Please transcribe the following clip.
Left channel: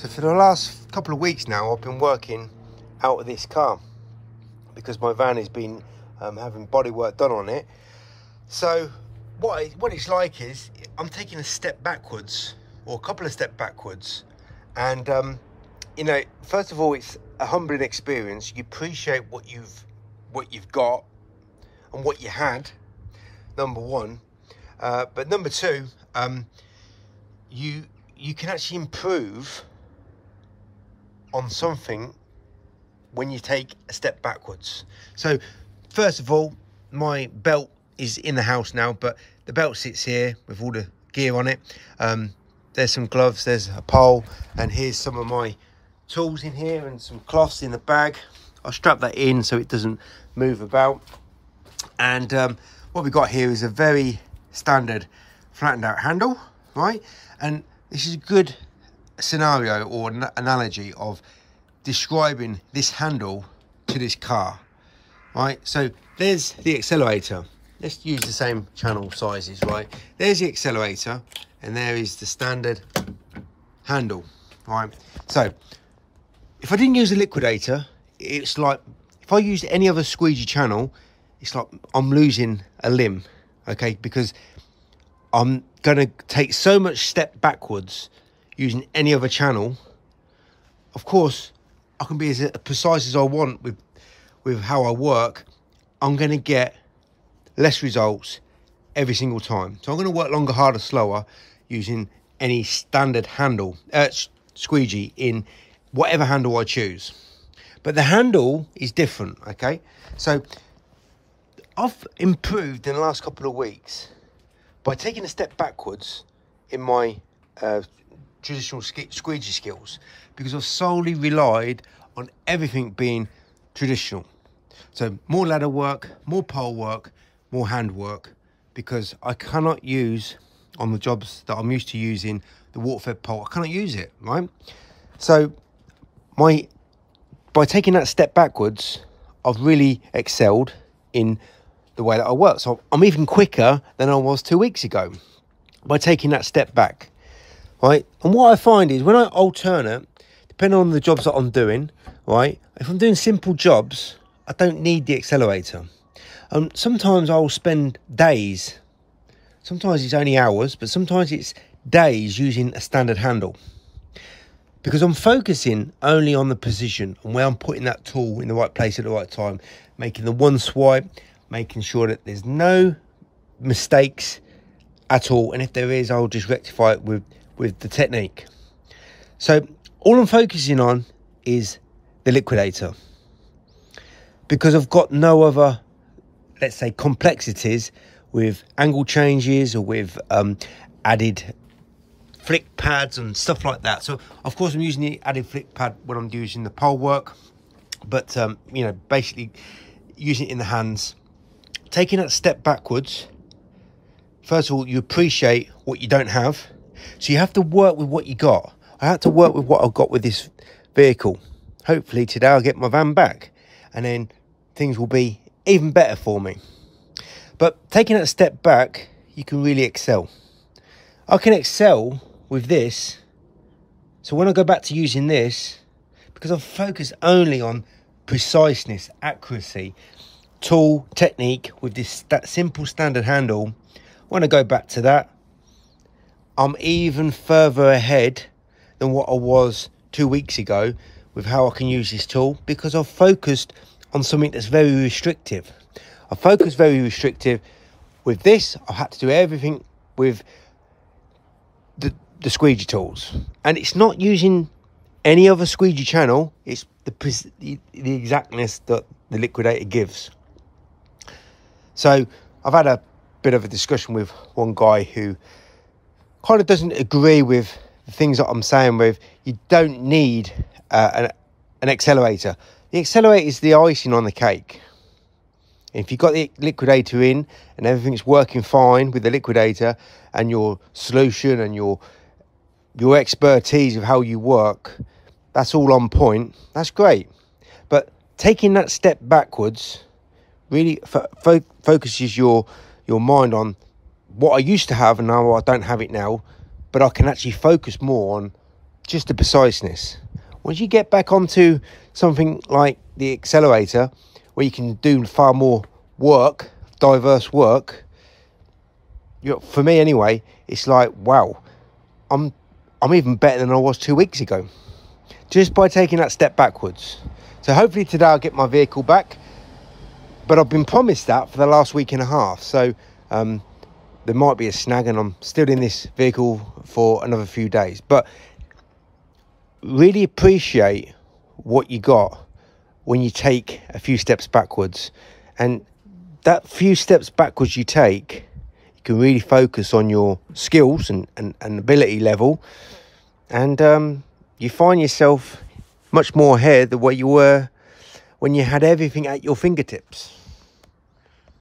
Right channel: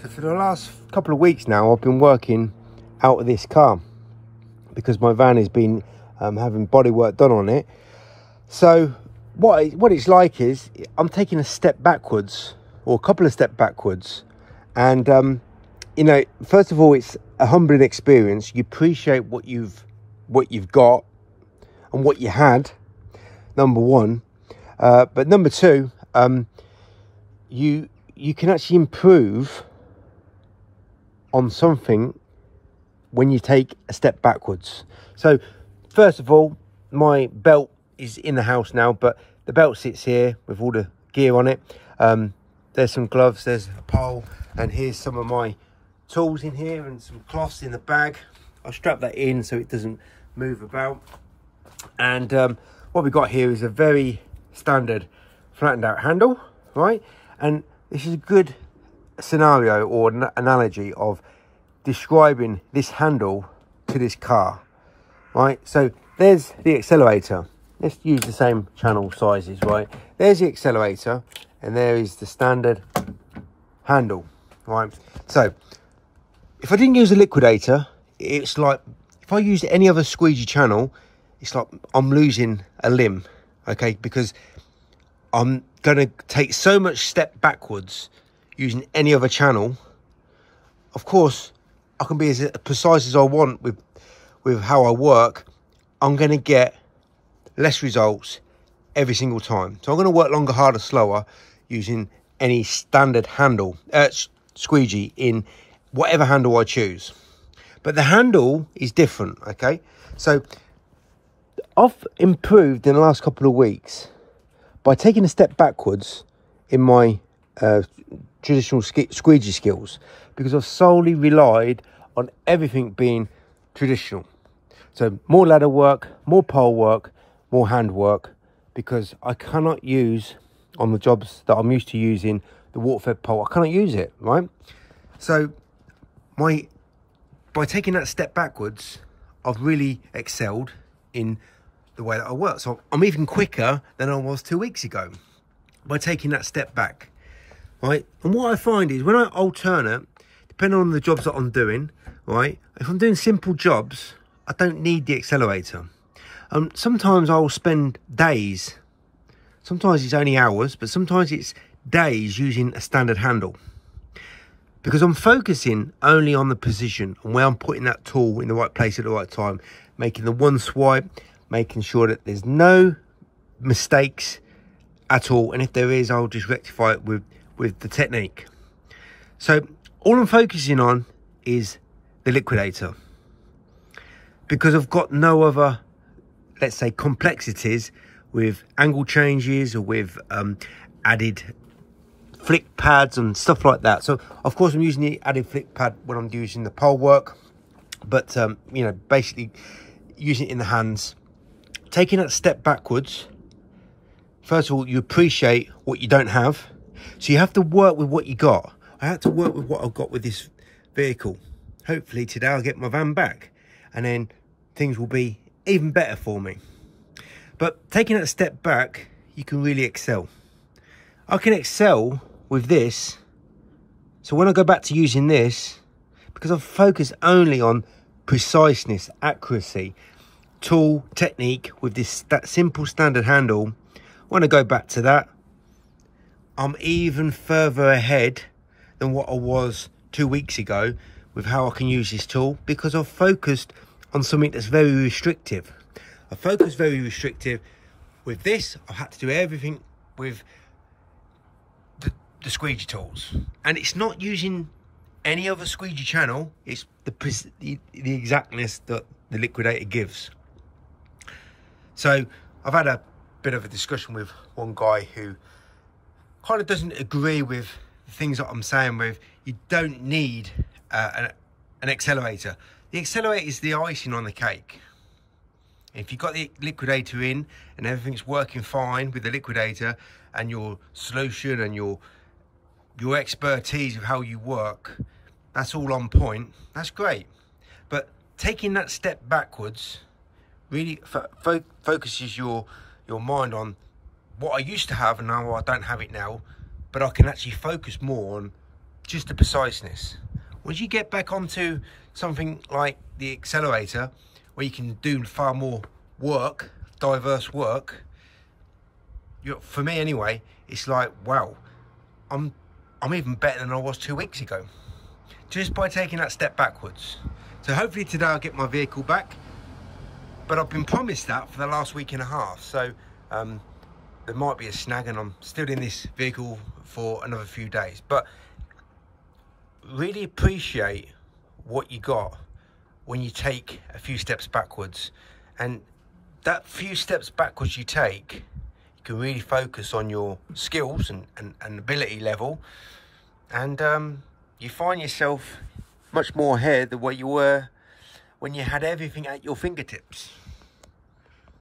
So for the last couple of weeks now, I've been working out of this car because my van has been having body work done on it. So what it's like is I'm taking a step backwards, or a couple of steps backwards, and you know, first of all, it's a humbling experience. You appreciate what you've got and what you had, number one, but number two, you can actually improve on something when you take a step backwards. So first of all, my belt is in the house now, but the belt sits here with all the gear on it. There's some gloves, there's a pole, and here's some of my tools in here and some cloths in the bag. I'll strap that in so it doesn't move about. And what we've got here is a very standard flattened out handle, right? And this is a good scenario or an analogy of describing this handle to this car, right? So there's the accelerator. Let's use the same channel sizes, right? There's the accelerator and there is the standard handle, right? So if I didn't use a liquidator, it's like if I used any other squeegee channel, it's like I'm losing a limb, okay? Because I'm gonna take so much step backwards using any other channel. Of course, I can be as precise as I want with how I work. I'm going to get less results every single time. So I'm going to work longer, harder, slower using any standard handle, squeegee in whatever handle I choose. But the handle is different, okay? So I've improved in the last couple of weeks by taking a step backwards in my traditional squeegee skills, because I've solely relied on everything being traditional. So more ladder work, more pole work, more hand work, because I cannot use on the jobs that I'm used to using the water-fed pole. I cannot use it, right? So by taking that step backwards, I've really excelled in the way that I work. So I'm even quicker than I was 2 weeks ago by taking that step back. Right, and what I find is when I alternate, depending on the jobs that I'm doing, right, if I'm doing simple jobs, I don't need the accelerator. Sometimes I'll spend days, sometimes it's only hours, but sometimes it's days using a standard handle, because I'm focusing only on the position and where I'm putting that tool in the right place at the right time, making the one swipe, making sure that there's no mistakes at all, and if there is, I'll just rectify it with the technique. So all I'm focusing on is the liquidator, because I've got no other, let's say, complexities with angle changes or with added flick pads and stuff like that. So of course I'm using the added flick pad when I'm using the pole work, but you know, basically using it in the hands, taking that step backwards. First of all, you appreciate what you don't have. So you have to work with what you got. I had to work with what I've got with this vehicle. Hopefully today I'll get my van back and then things will be even better for me. But taking that step back, you can really excel. I can excel with this. So when I go back to using this, because I've focused only on preciseness, accuracy, tool, technique with that simple standard handle, when I go back to that, I'm even further ahead than what I was 2 weeks ago with how I can use this tool, because I've focused on something that's very restrictive. I focused very restrictive with this. I had to do everything with the squeegee tools, and it's not using any other squeegee channel. It's the exactness that the liquidator gives. So I've had a bit of a discussion with one guy who kind of doesn't agree with the things that I'm saying with you don't need an accelerator. The accelerator is the icing on the cake. If you've got the liquidator in and everything's working fine with the liquidator and your solution and your expertise of how you work, that's all on point, that's great. But taking that step backwards really focuses your mind on what I used to have and now I don't have it now, but I can actually focus more on just the preciseness. Once you get back onto something like the accelerator, where you can do far more work, diverse work, for me anyway, it's like, wow, I'm even better than I was 2 weeks ago, just by taking that step backwards. So hopefully today I'll get my vehicle back, but I've been promised that for the last week and a half. So there might be a snag, and I'm still in this vehicle for another few days. But really appreciate what you got when you take a few steps backwards. And that few steps backwards you take, you can really focus on your skills and ability level. And you find yourself much more ahead than what you were when you had everything at your fingertips.